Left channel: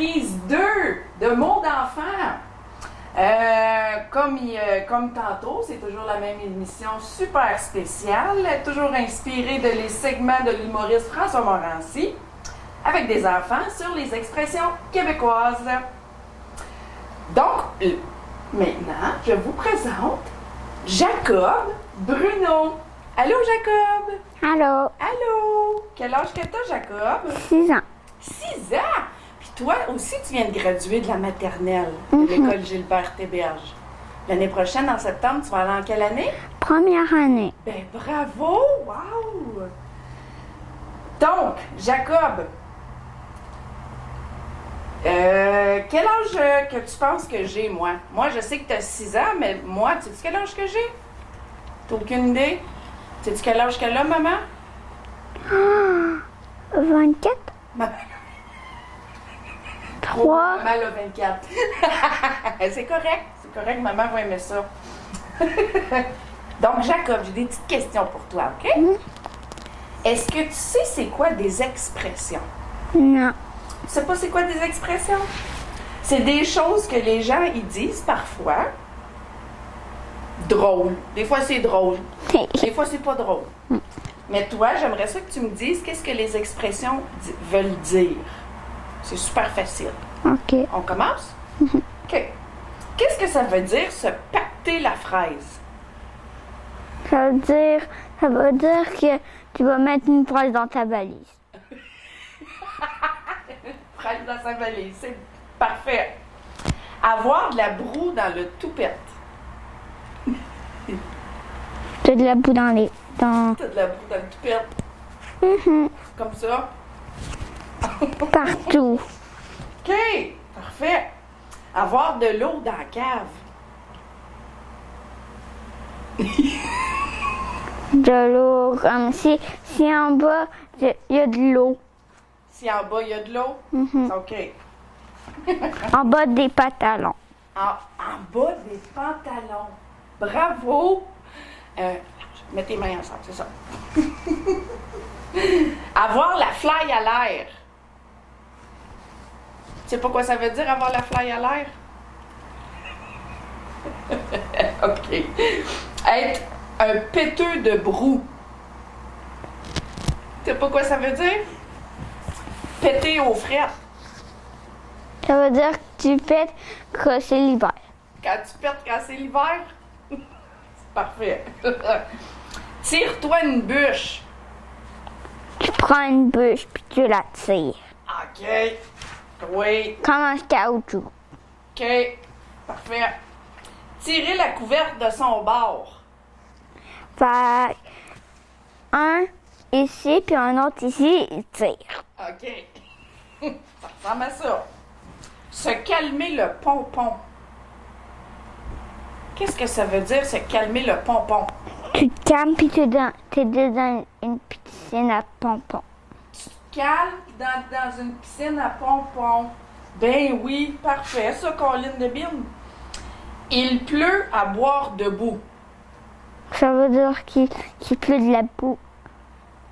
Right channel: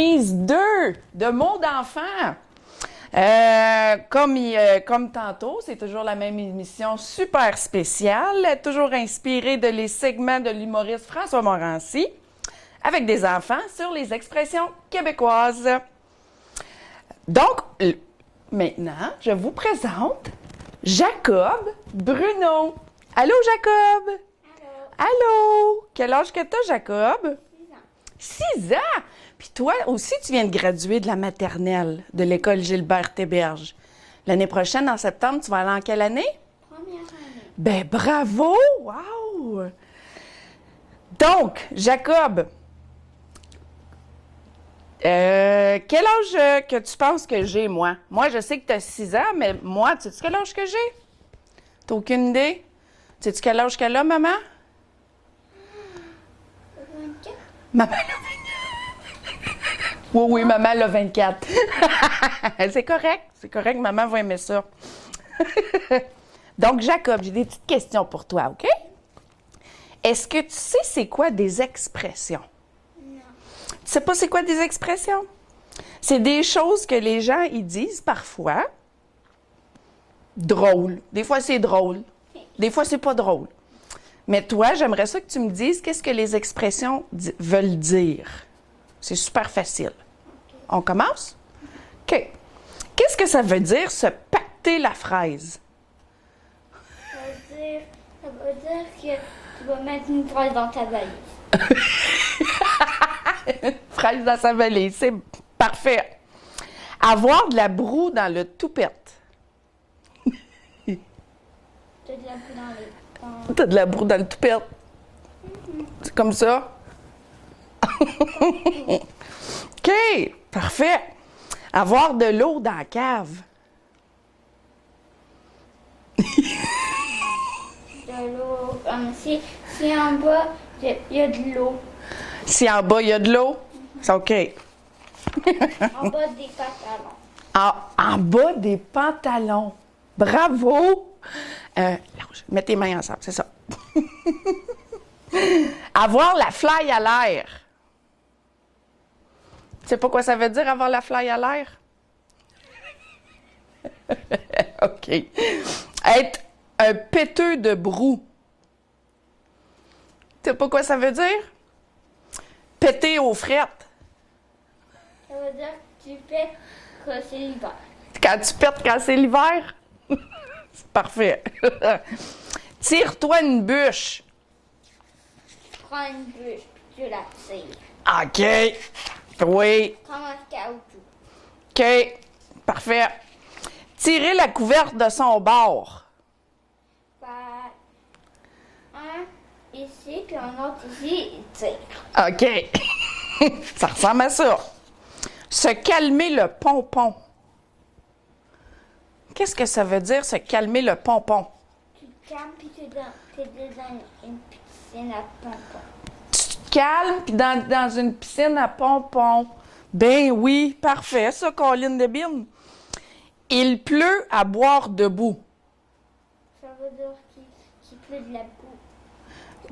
Surprise 2 de mots d'enfant. Comme tantôt, c'est toujours la même émission super spéciale, toujours inspirée de les segments de l'humoriste François Morancy, avec des enfants sur les expressions québécoises. Donc, maintenant, je vous présente Jacob Bruno. Allô, Jacob? Allô? Allô? Quel âge que t'as, Jacob? 6 ans. 6 ans? Puis toi aussi, tu viens de graduer de la maternelle de l'école Gilbert Théberge. L'année prochaine, en septembre, tu vas aller en quelle année? Première année. Ben bravo! Wow! Donc, Jacob, quel âge que tu penses que j'ai, moi? Moi, je sais que tu as 6 ans, mais moi, tu sais quel âge que j'ai? T'as aucune idée? Sais-tu quel âge qu'elle a, maman? 24? Maman, elle a 24. Oui, maman, elle a 24. C'est correct, maman va aimer ça. Donc, Jacob, j'ai des petites questions pour toi, OK? Est-ce que tu sais c'est quoi des expressions? Non. Tu sais pas c'est quoi des expressions? C'est des choses que les gens, ils disent parfois. Drôle. Des fois, c'est drôle. Des fois, c'est pas drôle. Mais toi, j'aimerais ça que tu me dises qu'est-ce que les expressions veulent dire. C'est super facile. OK. On commence? OK. Qu'est-ce que ça veut dire se pacter la fraise? Ça veut dire que tu vas mettre une fraise dans ta valise. Fraise dans sa valise, c'est parfait. Avoir de la broue dans le toupette. Tu as de la boue dans les... T'as de la broue dans le toupette. C'est comme ça? Partout. OK, parfait. Avoir de l'eau dans la cave. De l'eau, comme si en bas, il y a de l'eau. Si en bas, il y a de l'eau, c'est OK. En bas des pantalons. En bas des pantalons. Bravo! Mets tes mains ensemble, c'est ça. Avoir la fly à l'air. Tu sais pas quoi ça veut dire, avoir la fly à l'air? OK. Être un péteux de broue. Tu sais pas quoi ça veut dire? Péter aux frettes. Ça veut dire que tu pètes que c'est l'hiver. Quand tu pètes quand c'est l'hiver? C'est parfait. Tire-toi une bûche. Tu prends une bûche puis tu la tires. OK. Oui. Comme un caoutchouc. OK. Parfait. Tirer la couverte de son bord. Fait un ici puis un autre ici, il tire. OK. Ça ressemble à ça. Se calmer le pompon. Qu'est-ce que ça veut dire, se calmer le pompon? Tu te calmes puis t'es dans une piscine à pompons. Tu te calmes puis dans une piscine à pompons. Ben oui, parfait, ça, Colline de Bine. Il pleut à boire debout. Ça veut dire qu'il pleut de la boue.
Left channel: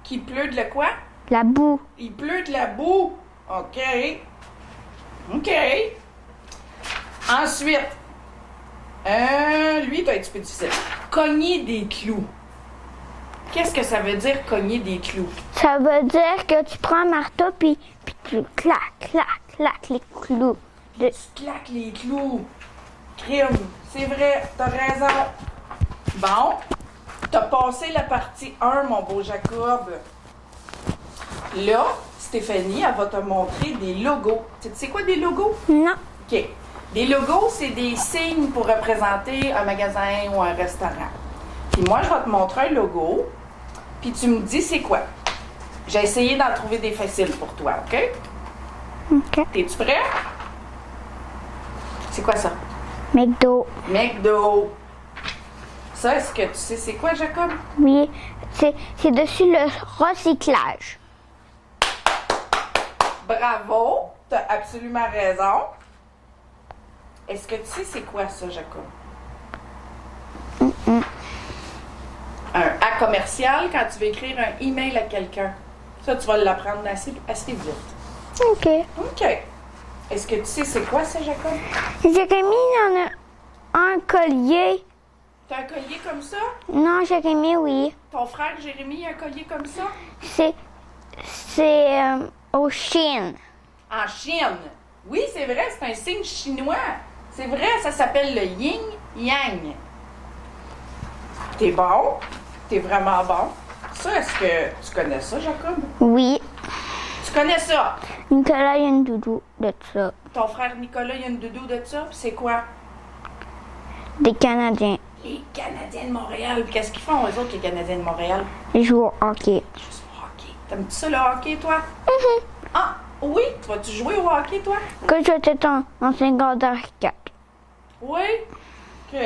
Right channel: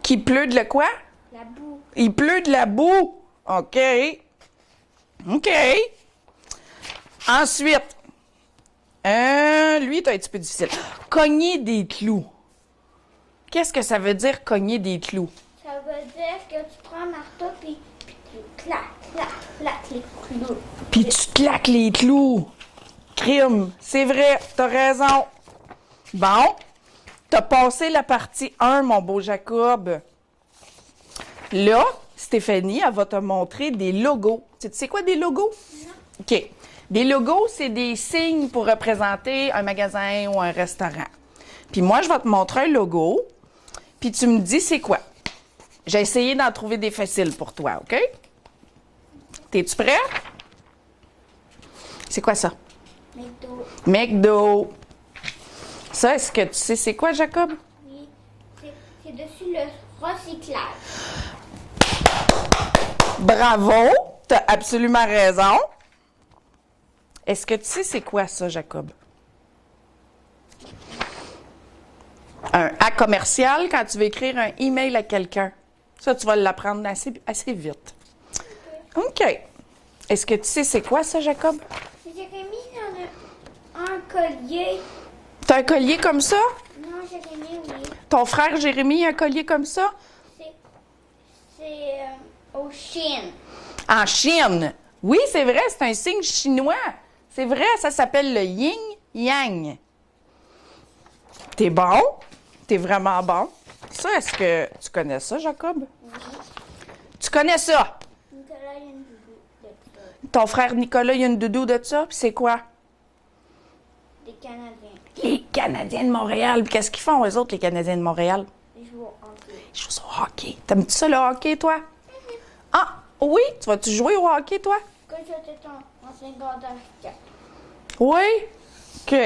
Qu'il pleut de la quoi? La boue. Il pleut de la boue. OK. OK. Ensuite, lui, t'as un petit peu difficile. Cogner des clous. Qu'est-ce que ça veut dire, cogner des clous? Ça veut dire que tu prends un marteau puis tu claques les clous. Puis tu claques les clous. Crime. C'est vrai, t'as raison. Bon, t'as passé la partie 1, mon beau Jacob. Là, Stéphanie, elle va te montrer des logos. Tu sais quoi des logos? Non. OK. Des logos, c'est des signes pour représenter un magasin ou un restaurant. Puis moi, je vais te montrer un logo, puis tu me dis c'est quoi. J'ai essayé d'en trouver des faciles pour toi, OK? OK. T'es-tu prêt? C'est quoi ça? McDo. McDo. Ça, est-ce que tu sais c'est quoi, Jacob? Oui. C'est dessus le recyclage. Bravo! T'as absolument raison. Est-ce que tu sais c'est quoi ça, Jacob? Un A commercial quand tu veux écrire un email à quelqu'un. Ça, tu vas l'apprendre assez vite. OK. OK. Est-ce que tu sais c'est quoi ça, Jacob? Jérémy en a un collier. T'as un collier comme ça? Non, Jérémy, oui. Ton frère Jérémy a un collier comme ça? C'est au Chine. En Chine. Oui, c'est vrai, c'est un signe chinois. C'est vrai, ça s'appelle le yin-yang. T'es bon? T'es vraiment bon? Ça, est-ce que tu connais ça, Jacob? Oui. Tu connais ça? Nicolas, il y a une doudou de ça. Ton frère Nicolas, il y a une doudou de ça, puis c'est quoi? Des Canadiens. Les Canadiens de Montréal. Puis qu'est-ce qu'ils font, eux autres, les Canadiens de Montréal? Ils jouent au hockey. Ils jouent au hockey. T'aimes-tu ça, le hockey, toi? Ah, oui? Tu vas-tu jouer au hockey, toi? Quand j'étais en secondaire 4. Oui? OK.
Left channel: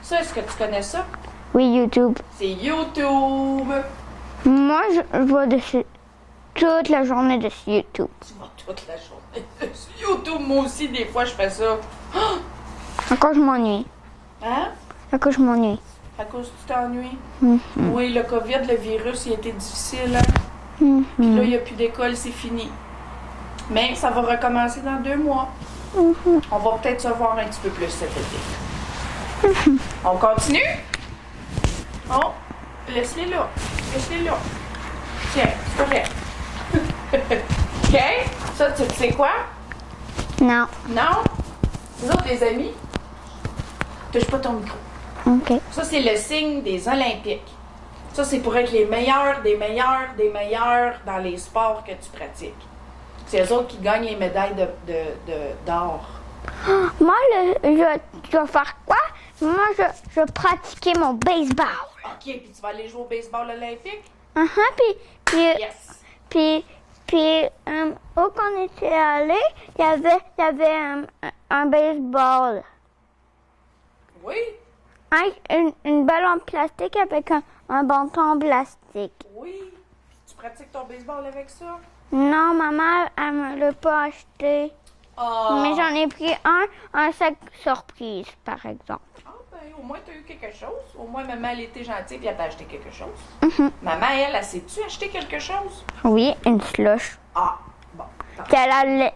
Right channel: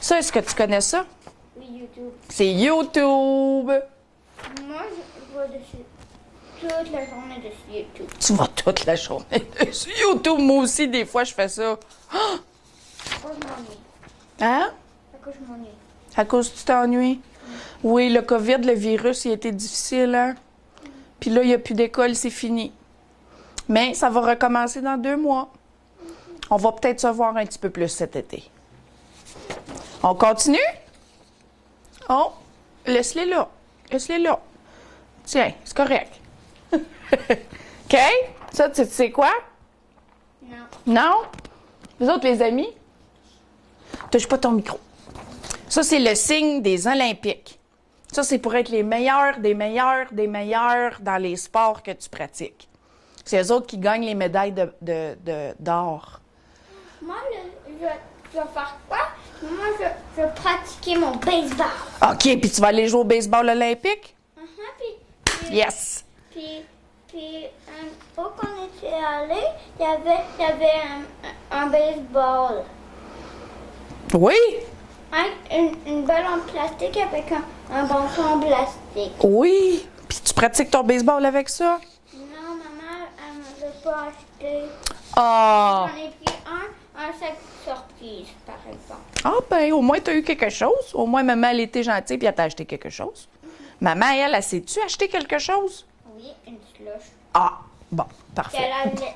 Ça, est-ce que tu connais ça? Oui, YouTube. C'est YouTube. Moi, je vois dessus toute la journée dessus YouTube. Tu vas toute la journée sur YouTube. Moi aussi, des fois, je fais ça. Encore, je m'ennuie. Hein? Encore, je m'ennuie. À cause que tu t'ennuies? Oui, le COVID, le virus, il a été difficile, hein? Puis là, il n'y a plus d'école, c'est fini. Mais ça va recommencer dans 2 mois. On va peut-être se voir un petit peu plus cet été. On continue? Oh, laisse-les là. Laisse-les là. Tiens, c'est correct. OK? Ça, tu sais quoi? Non. Non? Vous autres, les amis? Touche pas ton micro. OK. Ça, c'est le signe des Olympiques. Ça, c'est pour être les meilleurs, des meilleurs, des meilleurs dans les sports que tu pratiques. C'est eux autres qui gagnent les médailles d'or. Moi, je vais faire quoi? Moi, je vais pratiquer mon baseball. OK, puis tu vas aller jouer au baseball olympique? Puis, Yes! Puis, où qu'on était allé, il y avait un baseball. Oui? Une balle en plastique avec un bâton en plastique. Oui! Puis tu pratiques ton baseball avec ça? Non, maman, elle me l'a pas acheté. Ah! Mais j'en ai pris un sac surprise, par exemple. Ah ben, au moins, tu as eu quelque chose. Au moins, maman, elle était gentille puis elle t'a acheté quelque chose. Maman, elle sait-tu acheter quelque chose? Oui, une slush. Ah, bon, Puis parfait. elle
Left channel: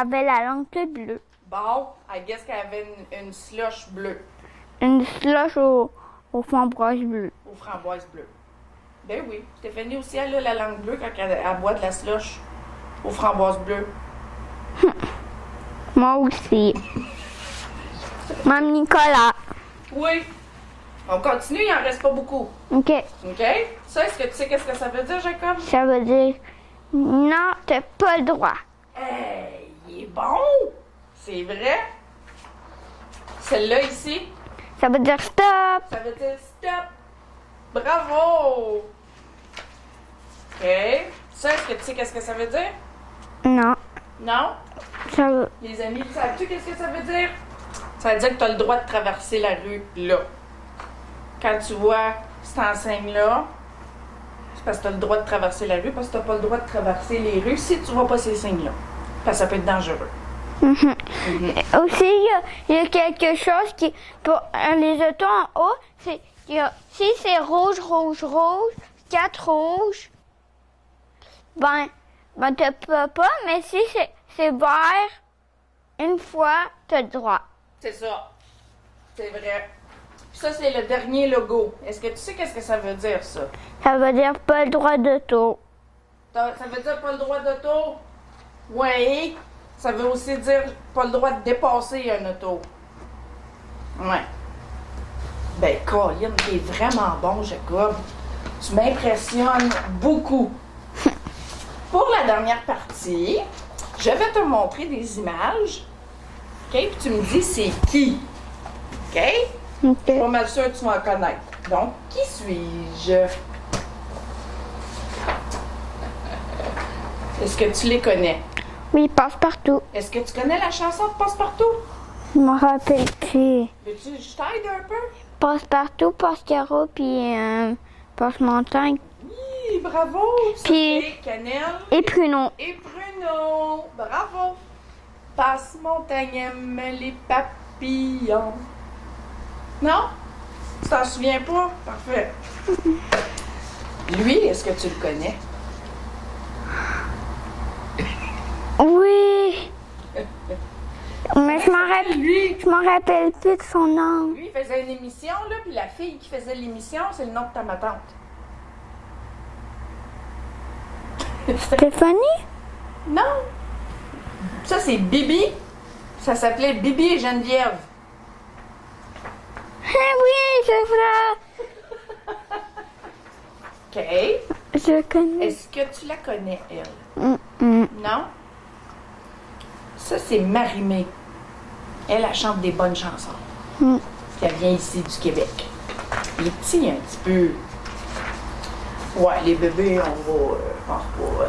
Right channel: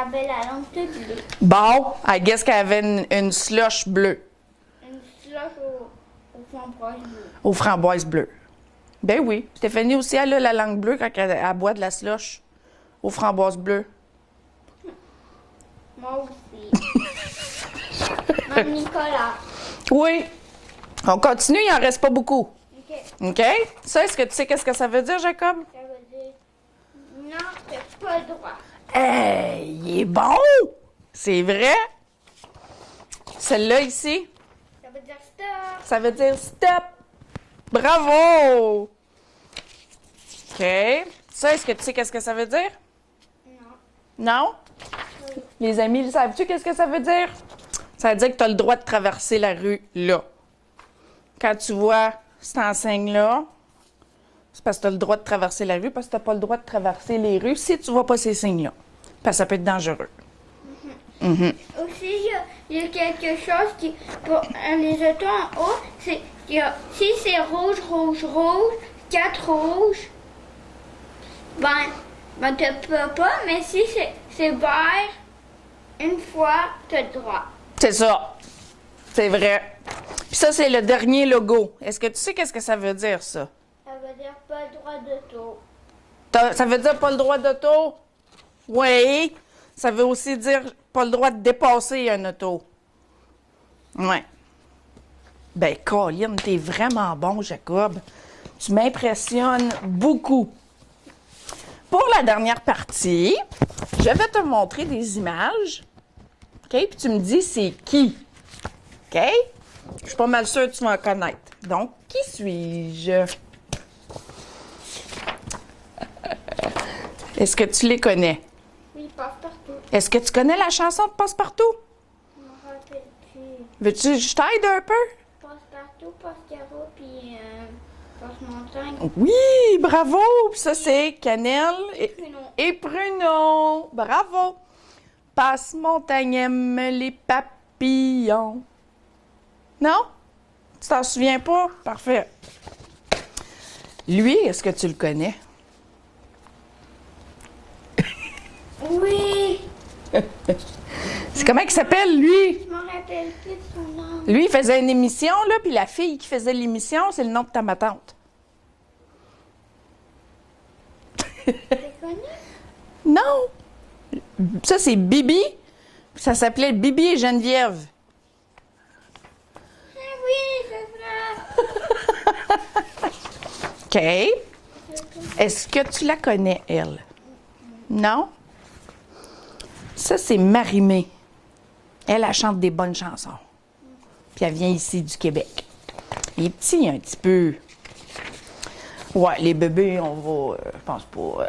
avait la langue toute bleue. Bon, I guess qu'elle avait une slush bleue, Une slush au framboise bleu. aux framboises bleues. Ben oui, Stéphanie aussi, elle a la langue bleue quand elle boit de la slush aux framboises bleues. Moi aussi. Même Nicolas. Oui. On continue, il en reste pas beaucoup. OK. OK? Ça, est-ce que tu sais qu'est-ce que ça veut dire, Jacob? Ça veut dire non, t'as pas le droit. Hey, il est bon! C'est vrai? Celle-là ici, Ça veut dire stop. ça veut dire stop. Bravo! OK. Ça, est-ce que tu sais qu'est-ce que ça veut dire? Non. Non? Ça veut... Les amis, le savent-tu qu'est-ce que ça veut dire? Ça veut dire que tu as le droit de traverser la rue là. Quand tu vois cette enseigne-là, c'est parce que tu as le droit de traverser la rue, parce que tu n'as pas le droit de traverser les rues si tu vois pas ces signes-là. Parce que ça peut être dangereux. Aussi, il y a quelque chose qui... Pour les autos en haut, si c'est rouge, rouge, rouge, 4 rouges, ben tu peux pas, mais si c'est vert, une fois, tu as le droit. C'est ça. C'est vrai. Puis ça, c'est le dernier logo. Est-ce que tu sais qu'est-ce que ça veut dire, ça? Ça veut dire pas le droit d'auto. Ça veut dire pas le droit d'auto? Oui. Ça veut aussi dire pas le droit de dépasser un auto. Ouais. Ben, Colin, t'es vraiment bon, Jacob. Tu m'impressionnes beaucoup. Pour la dernière partie, je vais te montrer des images. OK? Puis tu me dis c'est qui. OK? Je suis pas mal sûre que tu vas en connaître. Donc, qui suis-je? Est-ce que tu les connais? Oui, passe-partout. Est-ce que tu connais la chanson de Passe-Partout? Je me rappelle plus. Veux-tu que je t'aide un peu? Passe-partout, passe-carreau, puis passe-montagne. Oui, bravo! Ça, Puis- c'est Cannelle Et pruneau. et Pruneau. Bravo! Passe-montagne aime les papillons. Non? Tu t'en souviens pas? Parfait. Lui, est-ce que tu le connais? Oui. Comment il s'appelle, lui? Je m'en rappelle plus de son nom. Lui, il faisait une émission, là, puis la fille qui faisait l'émission, c'est le nom de ma tante. Stéphanie? Non! Ça, c'est Bibi. Ça s'appelait Bibi et Geneviève. Ah oui, c'est vrai. OK. Je connais. Est-ce que tu la connais, elle? Non? Ça, c'est Marimé. Elle chante des bonnes chansons. Puis elle vient ici du Québec. Il est petit un petit peu. Ouais, les bébés, on va. Je pense pas.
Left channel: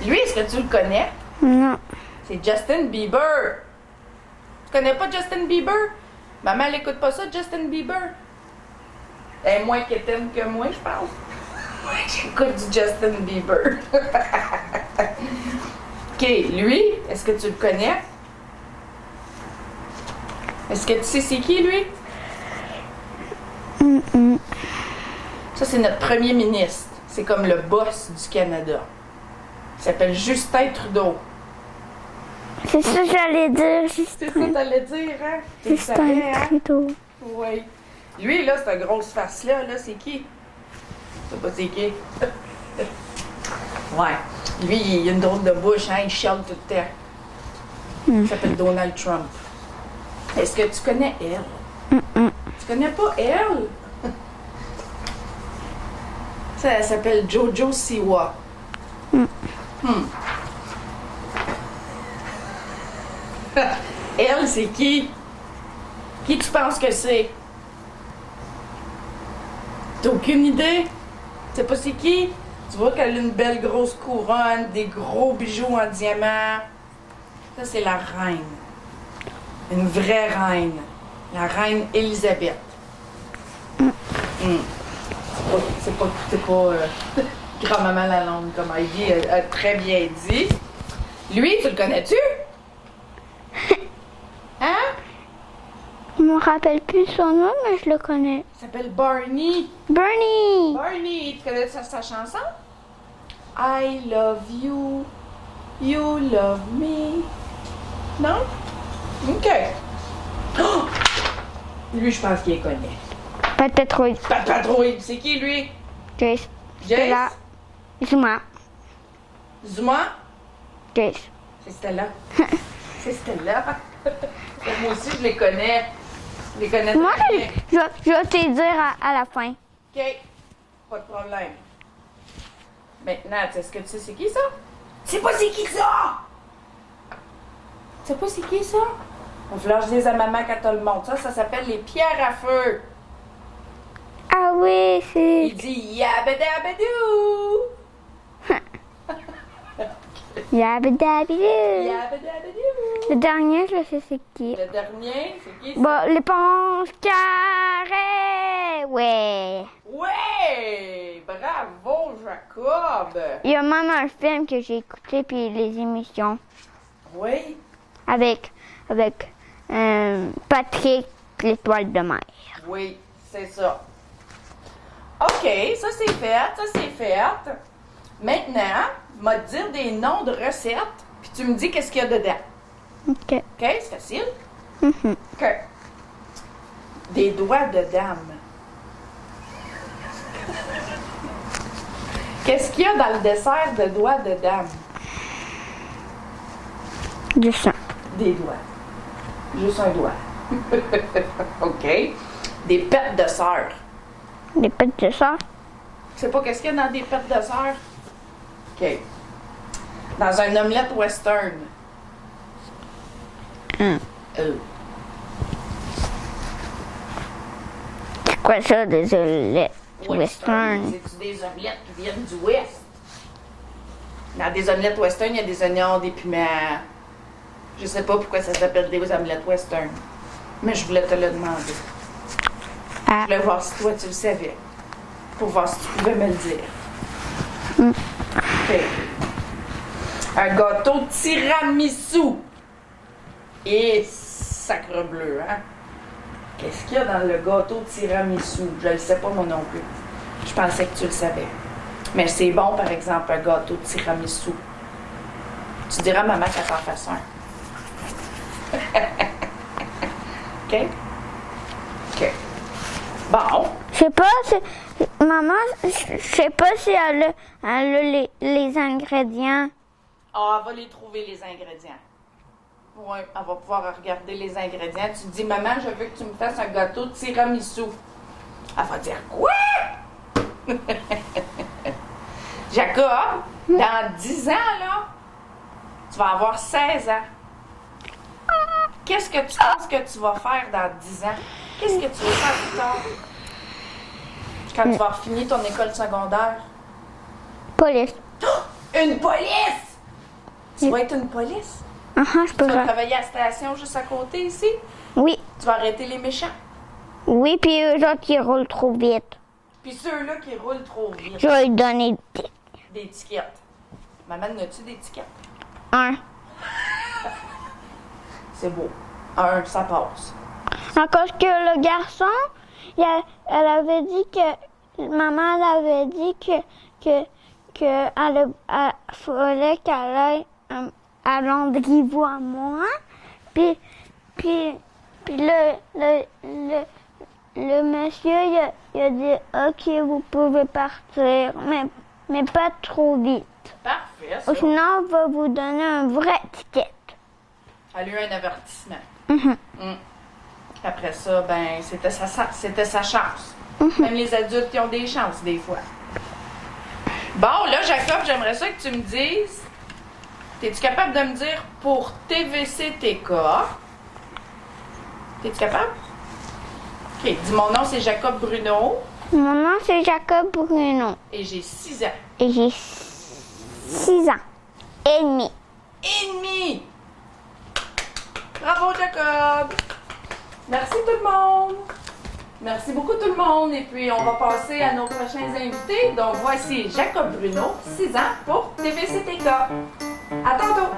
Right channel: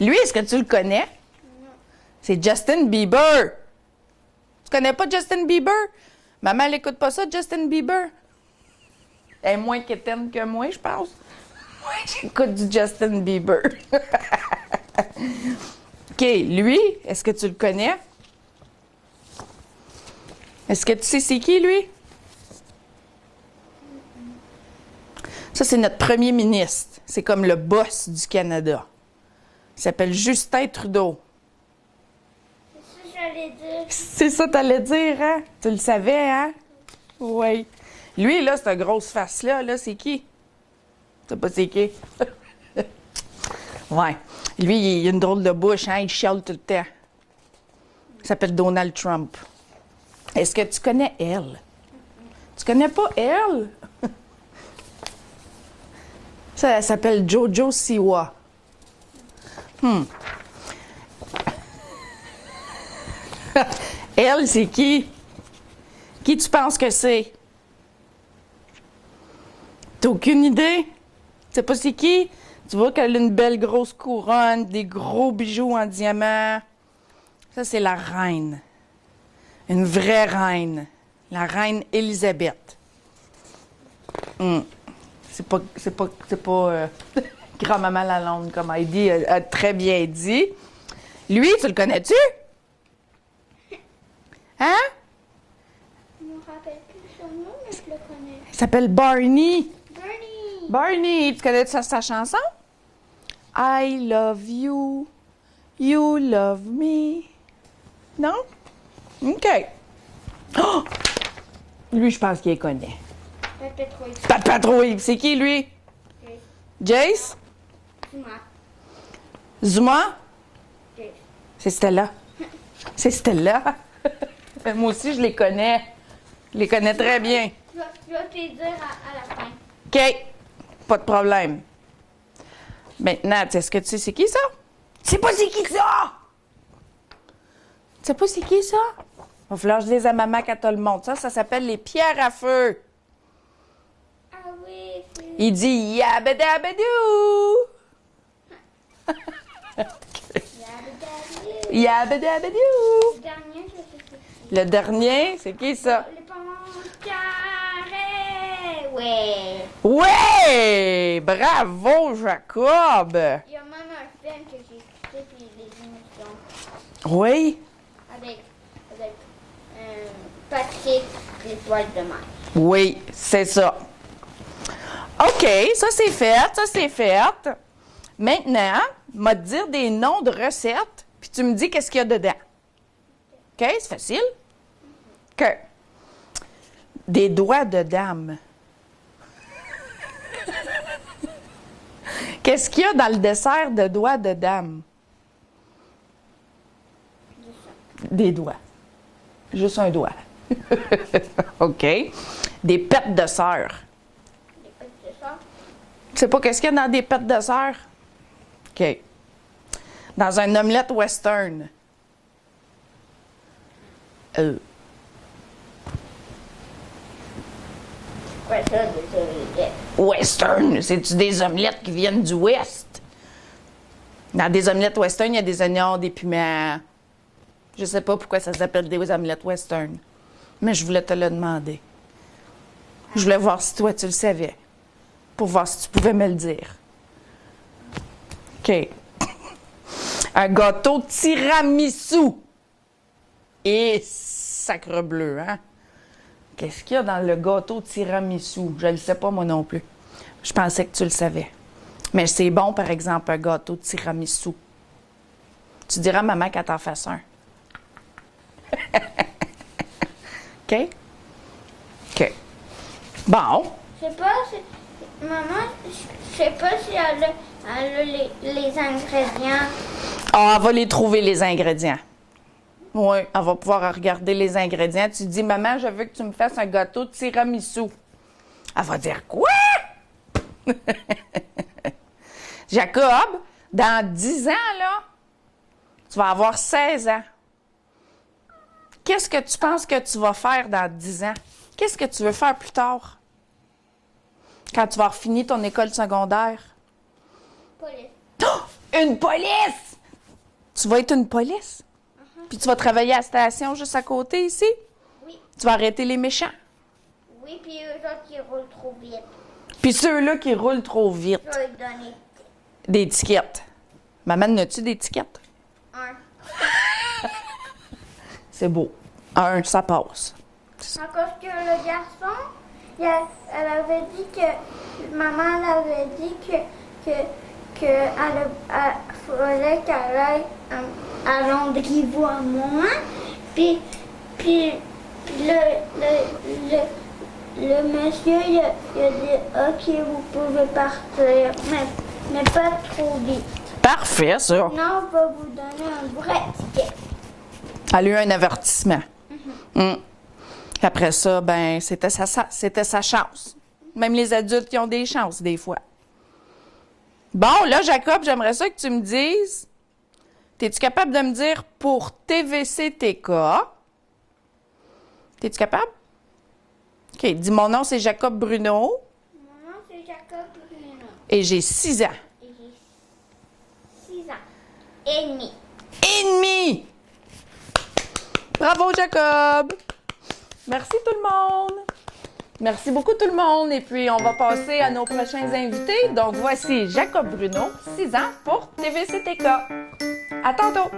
Lui, est-ce que tu le connais? Non. C'est Justin Bieber. Tu connais pas Justin Bieber? Maman, elle écoute pas ça, Justin Bieber. Elle est moins quétaine que moi, je pense. Moi, j'écoute du Justin Bieber. OK, lui, est-ce que tu le connais? Est-ce que tu sais c'est qui, lui? Ça, c'est notre premier ministre. C'est comme le boss du Canada. Il s'appelle Justin Trudeau. C'est ça que j'allais dire. C'est ça que t'allais dire, hein? Tu le savais, hein? Oui. Lui, là, cette grosse face-là, là, c'est qui? Tu sais pas c'est qui? Ouais. Lui, il a une drôle de bouche, hein? Il chiale tout le temps. Il s'appelle Donald Trump. Est-ce que tu connais elle? Tu connais pas elle? Ça, elle s'appelle Jojo Siwa. Elle, c'est qui? Qui tu penses que c'est? T'as aucune idée? Tu sais pas c'est qui? Tu vois qu'elle a une belle grosse couronne, des gros bijoux en diamant. Ça, c'est la reine. Une vraie reine. La reine Élisabeth. C'est pas grand-maman Lalonde, comme Heidi a très bien dit. Lui, tu le connais-tu? Hein? Je me rappelle plus son nom, mais je le connais. Il s'appelle Barney. Bernie! Barney, tu connais sa chanson? I love you, you love me. Non? OK. Oh! Lui, je pense qu'il les connaît. Peut-être oui. Pas trop, c'est qui, lui? Jace. Jace? Zuma. Zuma? Jace. C'est Stella. C'est Stella. Moi aussi, je les connais. Je les connais très bien. Je vais te dire à la fin. OK. Pas de problème. Maintenant, est-ce que tu sais c'est qui ça? C'est pas c'est qui ça? Tu sais pas c'est qui ça? Va falloir que je dise à maman quand t'as le monde. Ça s'appelle les pierres à feu. Ah oui, c'est... Il dit yabadabadou. Yabadabidou. Yabadabadou. Le dernier, je sais c'est qui. Le dernier, c'est qui ça? Bon, l'éponge carrée. Ouais. Ouais! Bravo, Jacob! Il y a même un film que j'ai écouté, puis les émissions. Oui? Avec Patrick, l'étoile de mer. Oui, c'est ça. OK, ça c'est fait. Maintenant, m'a te dire des noms de recettes, puis tu me dis qu'est-ce qu'il y a dedans. OK. OK, c'est facile? OK. Des doigts de dame. Qu'est-ce qu'il y a dans le dessert de doigts de dame? Du sang. Des doigts. Juste un doigt. OK. Des pêtes de sœur. Des pêtes de sang. Tu sais pas qu'est-ce qu'il y a dans des pêtes de sœur? OK. Dans un omelette western. C'est quoi ça, des omelettes? Western, c'est-tu des omelettes qui viennent du Ouest? Dans des omelettes western, il y a des oignons, des piments. Je sais pas pourquoi ça s'appelle des omelettes western. Mais je voulais te le demander. Je voulais voir si toi tu le savais. Pour voir si tu pouvais me le dire. OK. Un gâteau tiramisu. Et sacre bleu, hein? Qu'est-ce qu'il y a dans le gâteau tiramisu? Je le sais pas moi non plus. Je pensais que tu le savais. Mais c'est bon, par exemple, un gâteau tiramisu. Tu diras à maman qu'elle t'en fasse un. OK? OK. Bon. Je sais pas si... Maman, je sais pas si elle a les ingrédients. Ah, elle va les trouver, les ingrédients. Oui, elle va pouvoir regarder les ingrédients. Tu dis, maman, je veux que tu me fasses un gâteau de tiramisu. Elle va dire, quoi? Jacob, dans 10 ans, là, tu vas avoir 16 ans. Qu'est-ce que tu penses que tu vas faire dans 10 ans? Qu'est-ce que tu veux faire plus tard? Quand tu vas finir ton école secondaire? Police. Oh! Une police! Tu vas être une police? Je Tu vas travailler à la station juste à côté ici? Oui. Tu vas arrêter les méchants? Oui, puis eux autres, ils roulent trop vite. Puis ceux-là qui roulent trop vite. Je vais lui donner Des étiquettes. Maman, n'as-tu des étiquettes? un. C'est beau. Un, ça passe. Encore que le garçon, elle avait dit que... Maman, elle avait dit que elle fallait qu'elle aille à Landry-Boismont. Puis le monsieur, il a dit « OK, vous pouvez partir, mais pas trop vite. Parfait, ça. Sinon, on va vous donner un vrai ticket. » Elle a eu un avertissement. Après ça, ben, c'était sa chance. Même les adultes, qui ont des chances, des fois. Bon, là, Jacob, j'aimerais ça que tu me dises... Es-tu capable de me dire pour TVC-TK? T'es-tu capable? OK, dis mon nom, c'est Jacob Bruno. Mon nom, c'est Jacob Bruno. Et j'ai 6 ans. Et j'ai 6 ans et demi. Et demi! Bravo, Jacob! Merci tout le monde! Merci beaucoup tout le monde. Et puis, on va passer à nos prochains invités. Donc, voici Jacob Bruno, 6 ans, pour TVC-TK. À tantôt!